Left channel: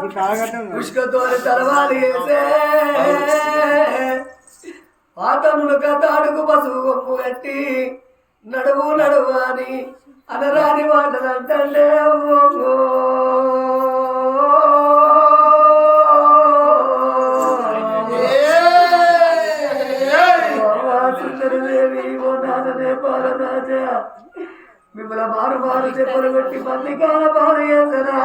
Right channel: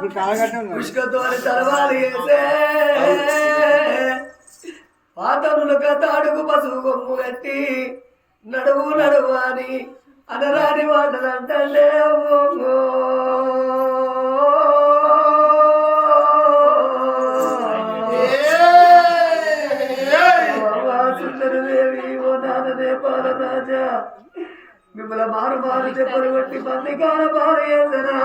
పుష్కతోని పుట్టినాదునా పుష్కతో తలవాలి పాతములుక తాడుకు పసుపు కొమ్ము కట్టి నడువు నడువు అని అనరాని మాటలు అంటే సుందరదేవి ఓ నాదనే పాలరాజా మిమ్మల్ని మారు మారు చెప్పలు కొట్టి మంది కాల పాలు చేసరా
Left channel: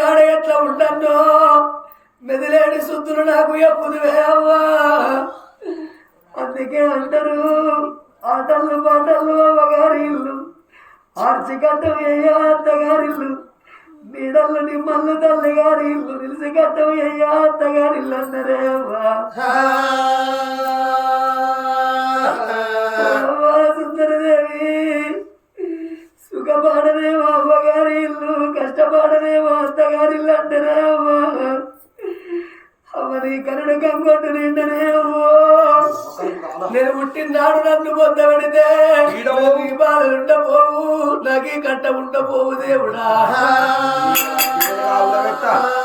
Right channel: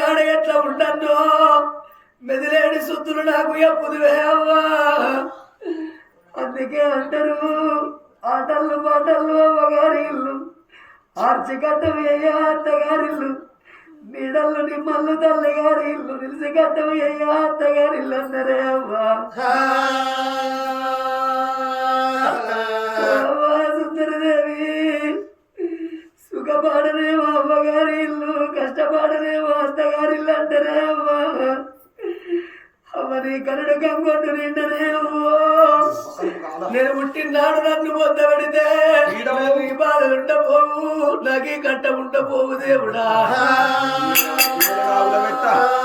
అత్తగారింటి కాడ ఎట్లా ఉంటానో మెదిలేని సుద్దులు నాకు ఎప్పుదువే అవ్వా? అందుకే అంటారు ఆటలు పాటలు అవ్వగారి ఇల్లు ఆర్చి కట్టం అయ్యా అత్తగారిల్లు నీడళ్ళు నిమ్మల్లు తల్లిగారి ఇల్లు నిలిసి కట్టం అయ్యా అత్తగారి ఇల్లు అన్నారే సుఖపాడనేమో అమ్మగారి ఇల్లు కష్టపాడనేమో అత్తగారి ఇల్లు అంటేనే అమ్మా. అమ్మ నీ కరుడు కంగొట్టు నిండనే నేను పుట్టినాడు నన్ను పొందబడితే ఈ బాధలు ఉండపోవు నాకీ కట్ట ఉండపోవు దేవుడా.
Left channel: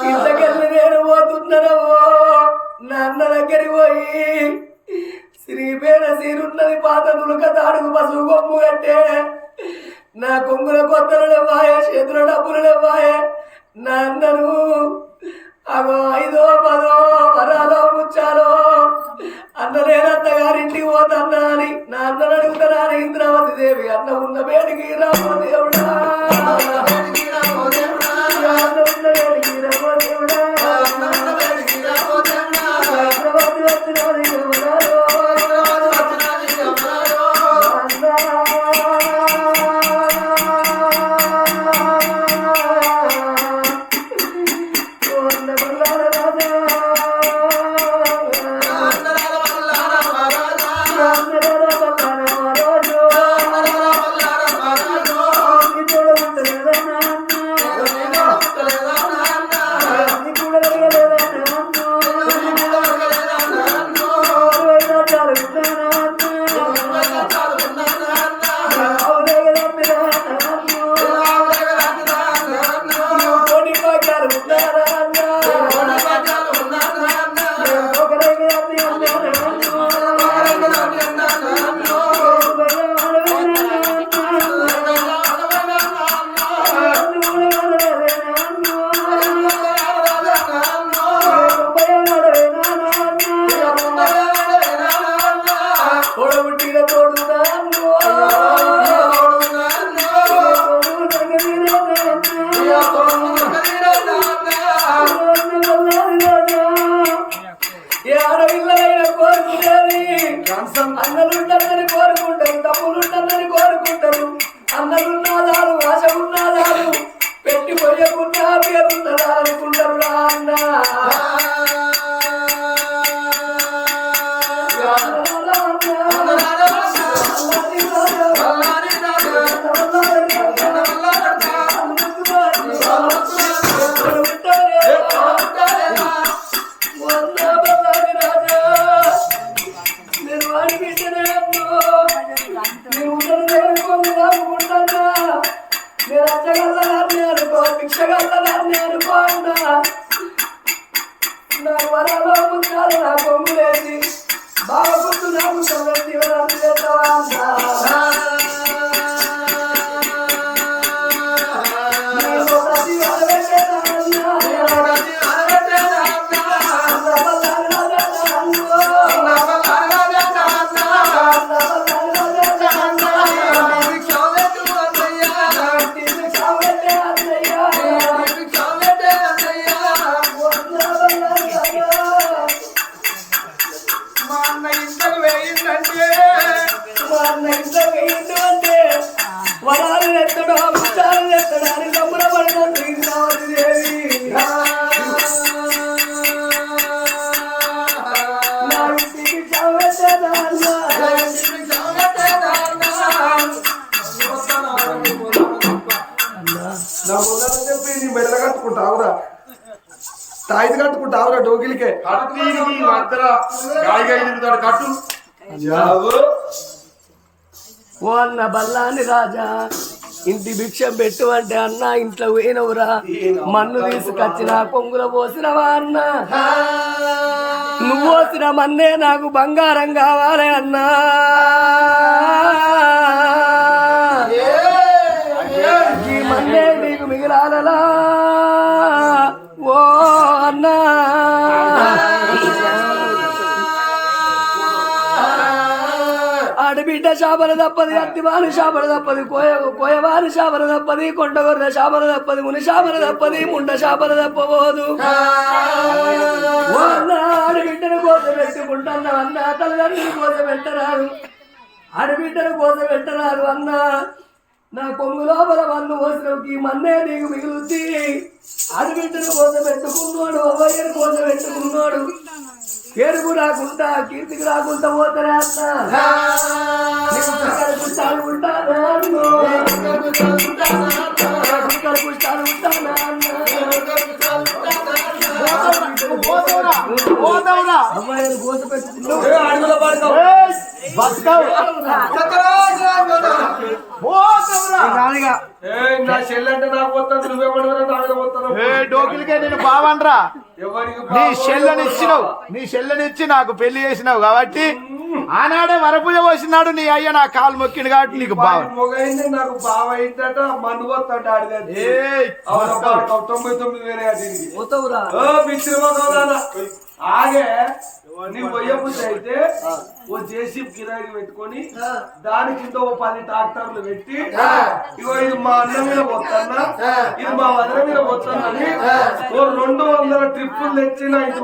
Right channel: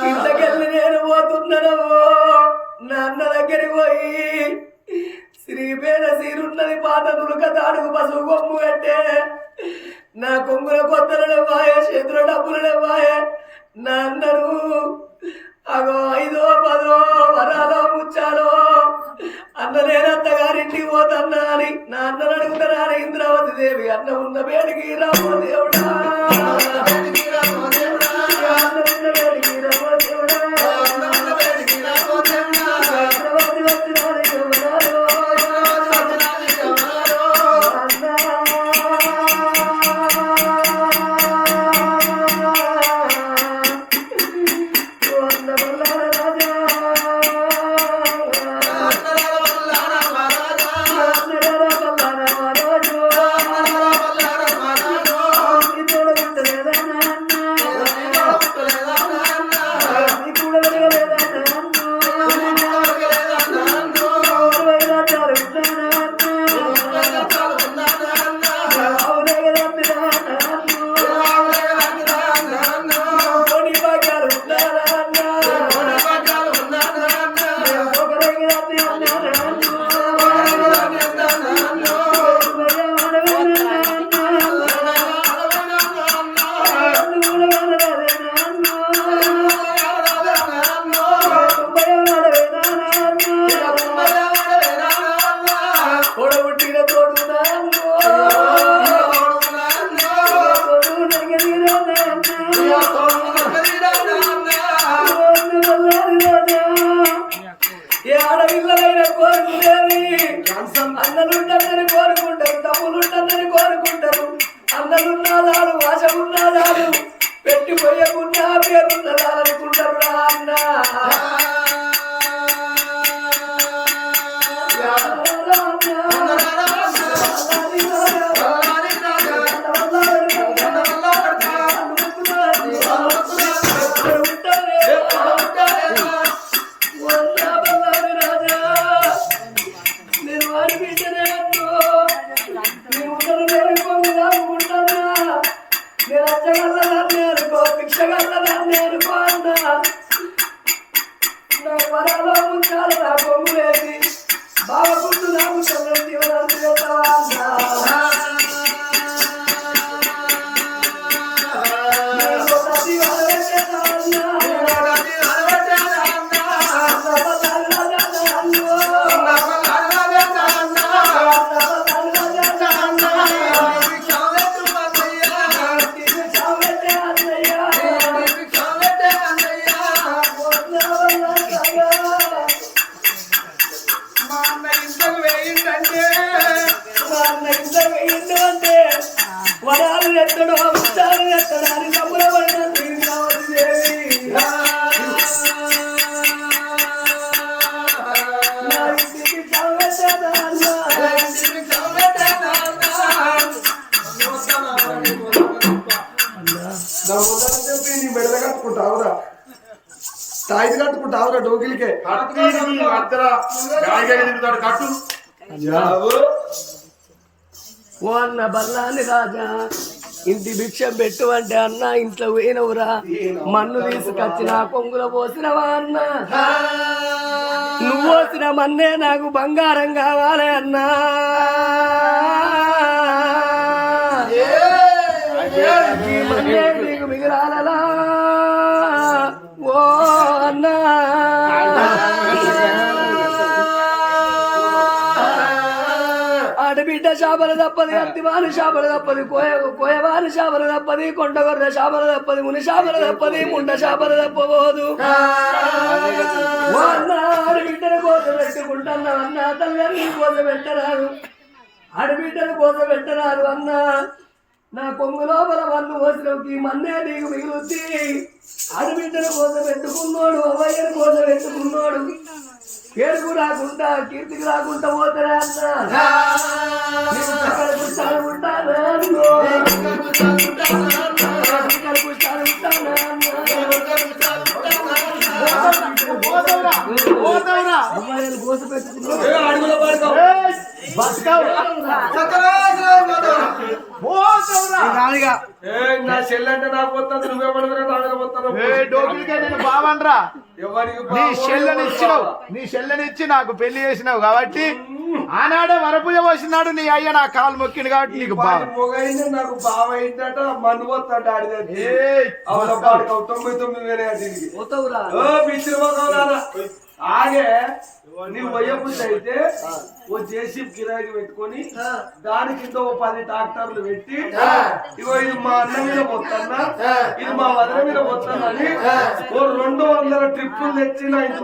ఇంతకెళ్ళి నేను పోతున్నానమ్మో. నా అన్న దగ్గరికి పోయి శ్రీపేర సీరున్నది పాత నులుక తాడుగు పసుపు కొమ్ము కట్టే నా కొంగుల కొత్తలు లేవాయ చేతుల డబ్బులు లేవాయ. నా అన్నను అగో ఐదో పదో వరాలో ముచ్చాలో. అన్న గారింటికి పోతన్నా అని నా అన్నను అడుగుతారా ఇంద్రావతి దేవి అన్న ఉన్న పేరుకి రామో దేవుడా. వరాలు ఎత్తడో ముత్యాలు ఎత్తడా అని సంబరపడ్డాను ఇంద్రావతి దేవి. నా ముందర చెప్పి నీ కట్టుకుంటావురా. తాయిది కట్టుకుంటావురా కట్టు ఓ అన్న బల్లాని రాజా ఇంటి భిక్షం పెట్టు అంటే అన్న ఇంట్లో పోయినవురా. మన్ను తీసుకొచ్చిన కొంగుల పోసినవా అన్న నువ్వు పోసిన మన్నే నాకు బంగారం కావాలి అన్నా. ఈ మన్నే నీకు మిగిలాలలా ఓ అన్నా. ఆడబిడ్డ శాపల తప్పది అత్తివారి శాపల తప్పది కోయ కోయవారి శాపల తప్పది కొండగొర్ర శాపల తప్పది ముని శాపల తప్పది ముండ శాపల తప్పబోదు. ఓ అన్న ఆడబిడ్డను కోస పెట్టుకుంటున్నా అన్న తల్లిదండ్రులు కోస పెట్టరారు ఆడబిడ్డను కోస పెట్టరారు అన్న. నా కొమ్ము లోపల మన్ను కోసలోకి మన్నే నీకు మిగులుద్ది. ఆడబిడ్డను కోస పెట్టుకున్నాడు అవ్వయ్యను కోస పెట్టుకున్నాడు. పేరుకు రాకుండా కీర్తికి రాకుండా పోతారా నీకు ఉంటానా. నీకు కోస నా చెల్లంటే నాకు పోతాను నువ్వేమన్నా నా మీద పోతాను డోకిలికే నేను ఎవరికి నీ చెల్లని ఇచ్చినావు నీ చెల్లని ఇచ్చి నాకు పెళ్ళి చేసినావు కాబట్టి ఆనాడే వరపూజ పోసినాడు నీ అయ్య నా కాలు మొక్కిండు కాబట్టి నీకు బావ. మొగైంది నాకు బావ అయిందట మందు పోతాడు తొంభై తొమ్మిది వేలే. ఆగే నీ వయ్యబుద్ధి అయితే ఓ జేసీబీ కిరాయికి పెట్టుకొని దాని కింద ఓ పది ట్రాక్టర్లు పెట్టి ఇగో ఇది మా అన్న మీద పోతున్నా ఇది మా వదిన మీద పోతున్నా అని ఓ రెండు వందల ట్రిప్పులు తెచ్చి నా ఇంటి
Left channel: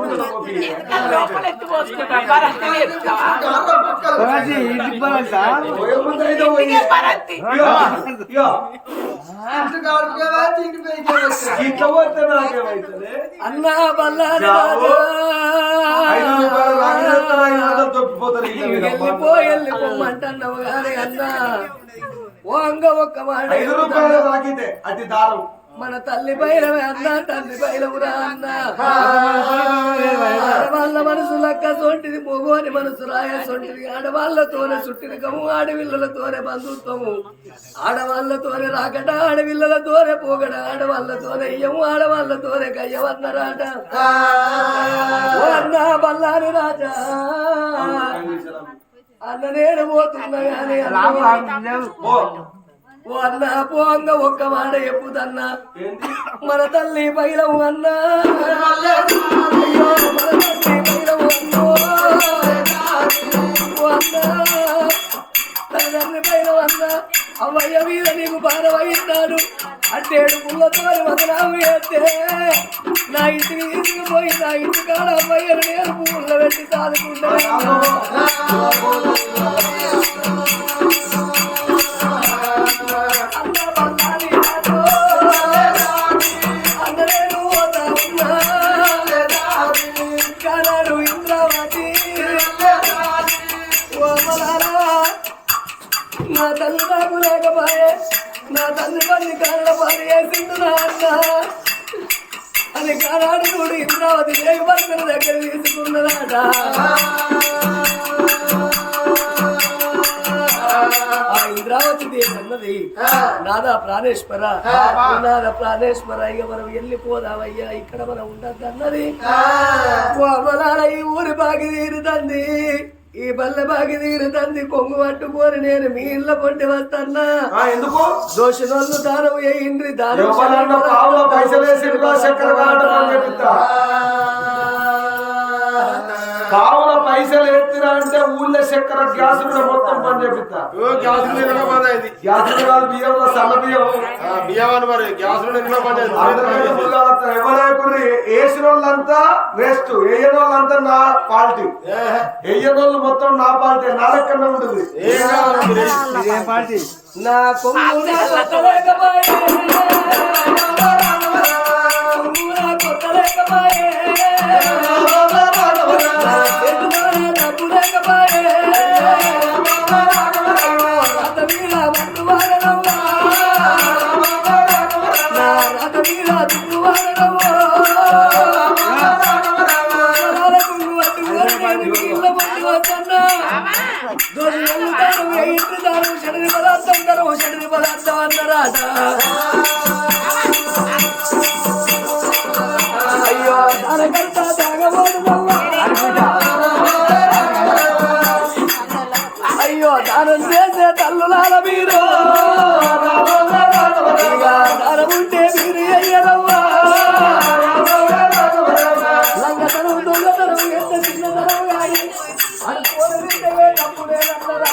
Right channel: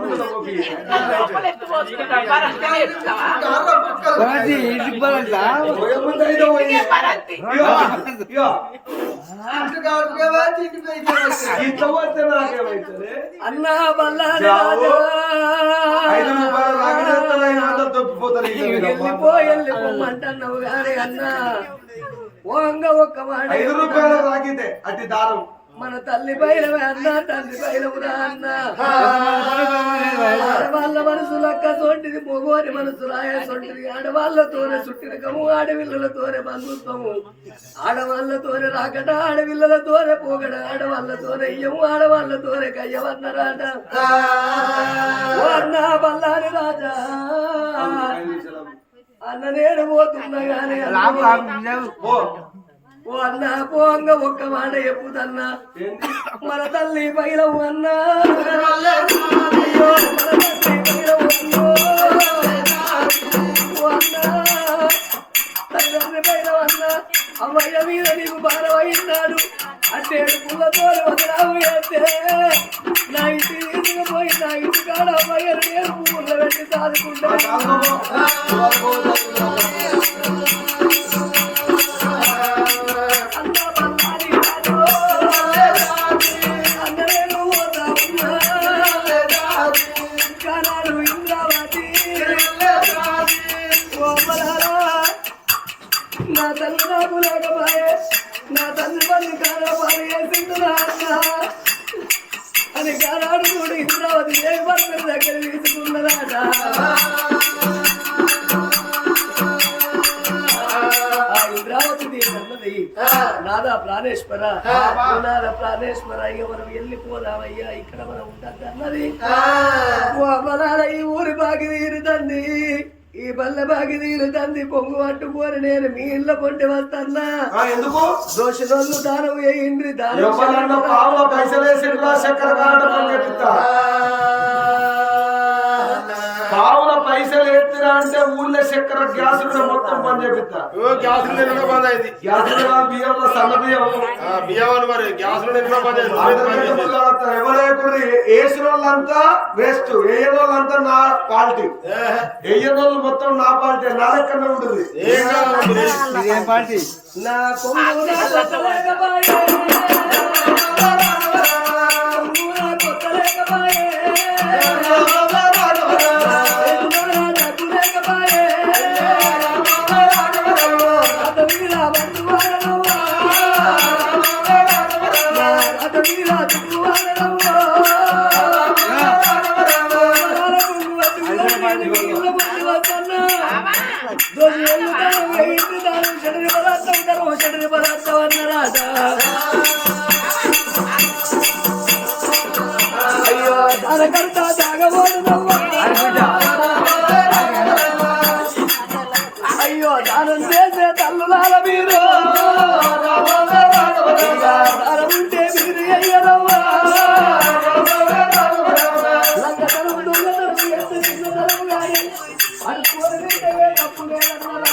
అన్న బల్లారి చావు. ఐదు రాజా రూపాయలు నాకు చేస్తారా? ఐదు వందలు దొబ్బిపోతారు ఇక మీరు. వెళ్ళిపో వెళ్ళిపోమంటున్నావు కానీ అన్న. వంగ ఒక్క మాట ఐదు రూపాయలు తాకితే అతి దారం. మన తల్లి బయలమే అన్న తల్లి బయలమురా అన్న. ఆడవాళ్ళ మనసు లక్క సొంటిది మొగోని మనసు రాయ సొంటిది. ఆడవాళ్ళతోనే చుట్టినకము ఆడవిల్లలతోనే బంధుత్వము. ఆడవాళ్ళతోనే రాకట ఆడవిల్లలతోనే పోగడ ఆడవాళ్ళతోనే ఇయ్యము ఆడవాళ్ళతోనే కయ్యవన్నరాట అన్న బల్లాని రాజా. అన్న నేను పోతున్నా అన్న ఓ అన్న పోంగ ఒక్క మాట చెప్పుదన్నా ఏంది మన తల్లి బయలవు అన్నా. అమ్మయ్య మీద నీకు భారమయ్యాడు అట్టేడు పుల్లతో వదలావు అయితే నా ఇంటికి తీసుకుపోయి నా ఇంటి కాడ అమ్మయ్యను నేను పువ్వుల్లో పెట్టి సాదుకుంటా నా తల్లి తల్లి కాళ్ళ పాలు వేసింది నా అన్న అని కానాడు చూడు ఇంద్రావతి వేగపరమైన దగ్గర తీసుకున్నదాట అన్నది నాదా ప్రాణేశ్వర నాద ప్రాణేశ్వర ఇక మనం వెళ్ళిపోదామయ్యా ఇక్కడ మనం ఉండద్దు అన్నది ఈ ఊరి బాగి తీరుతంది ఈ బల్ల బాగి తీరుతంది కొంగు పట్టుకొని నేను మీ ఇళ్ళ కొంటి వస్తన్నా. ఆ, ఎందుకు? దోషులు దానం వేయండి దానం ఎవరన్నా పావుల పైసలు పావుల పైసలు ఎత్తిరా అంటే ఊళ్ళో చక్కెర గ్యాస్ మొత్తం బంద్ చేపిస్తా నిన్న బంద్ అయింది. గ్యాస్ బియ్యం సన్న బియ్యం. మరి చేసేది? ఎవరైనా వేసిన వాళ్ళంతా వేస్ట్ వేయని వాళ్ళంతా నా పార్టీ వేయని వాళ్ళు మొత్తం నా పార్టీ నా లెక్కనే ఉంటుంది? నా నేను ఇళ్ళ ముందు వస్తున్నా దాను పదార్థం పదార్థం అయ్యో అనుకోని వింటే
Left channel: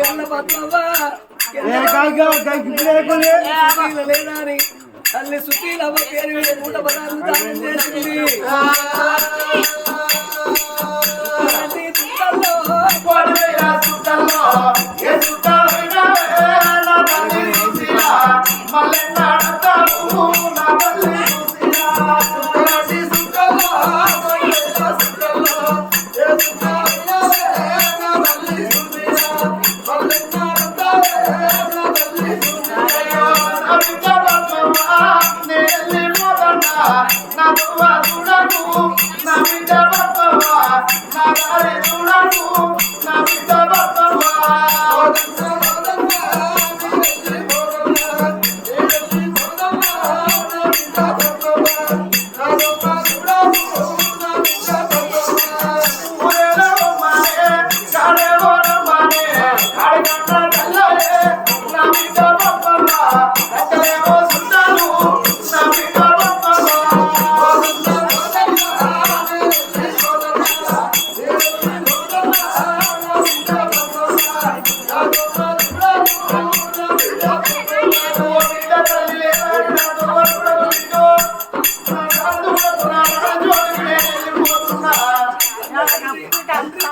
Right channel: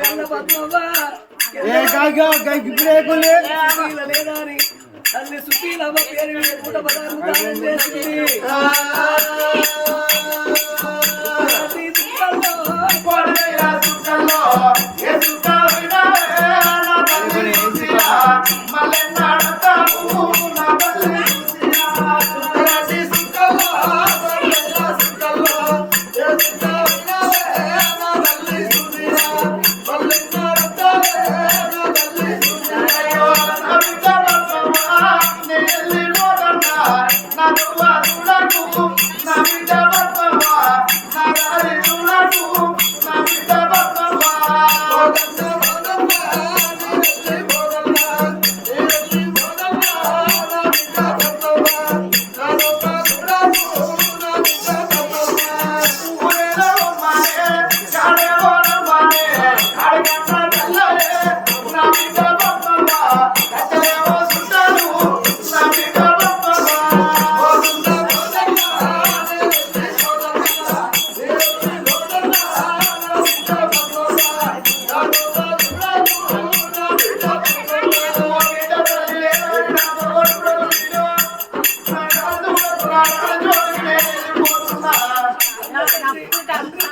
గల్ల పద్మవ్వ సుశీల లేదా అని తల్లి సుశీలమ్మ పేరు నూట పదార్థం దానం చేసింది. ప్రతి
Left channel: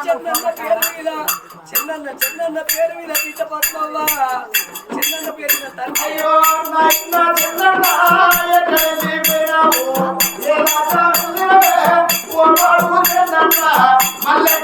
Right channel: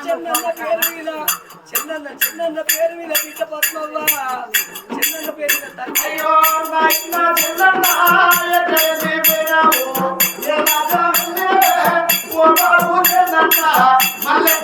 చెన్నన్న పేరు మీద చెన్నన్న చెన్నన్న పేరు మీద బిడ్డ పద్మవ్వ చెన్నన్న పేరు మీద తండ్రి మల్లె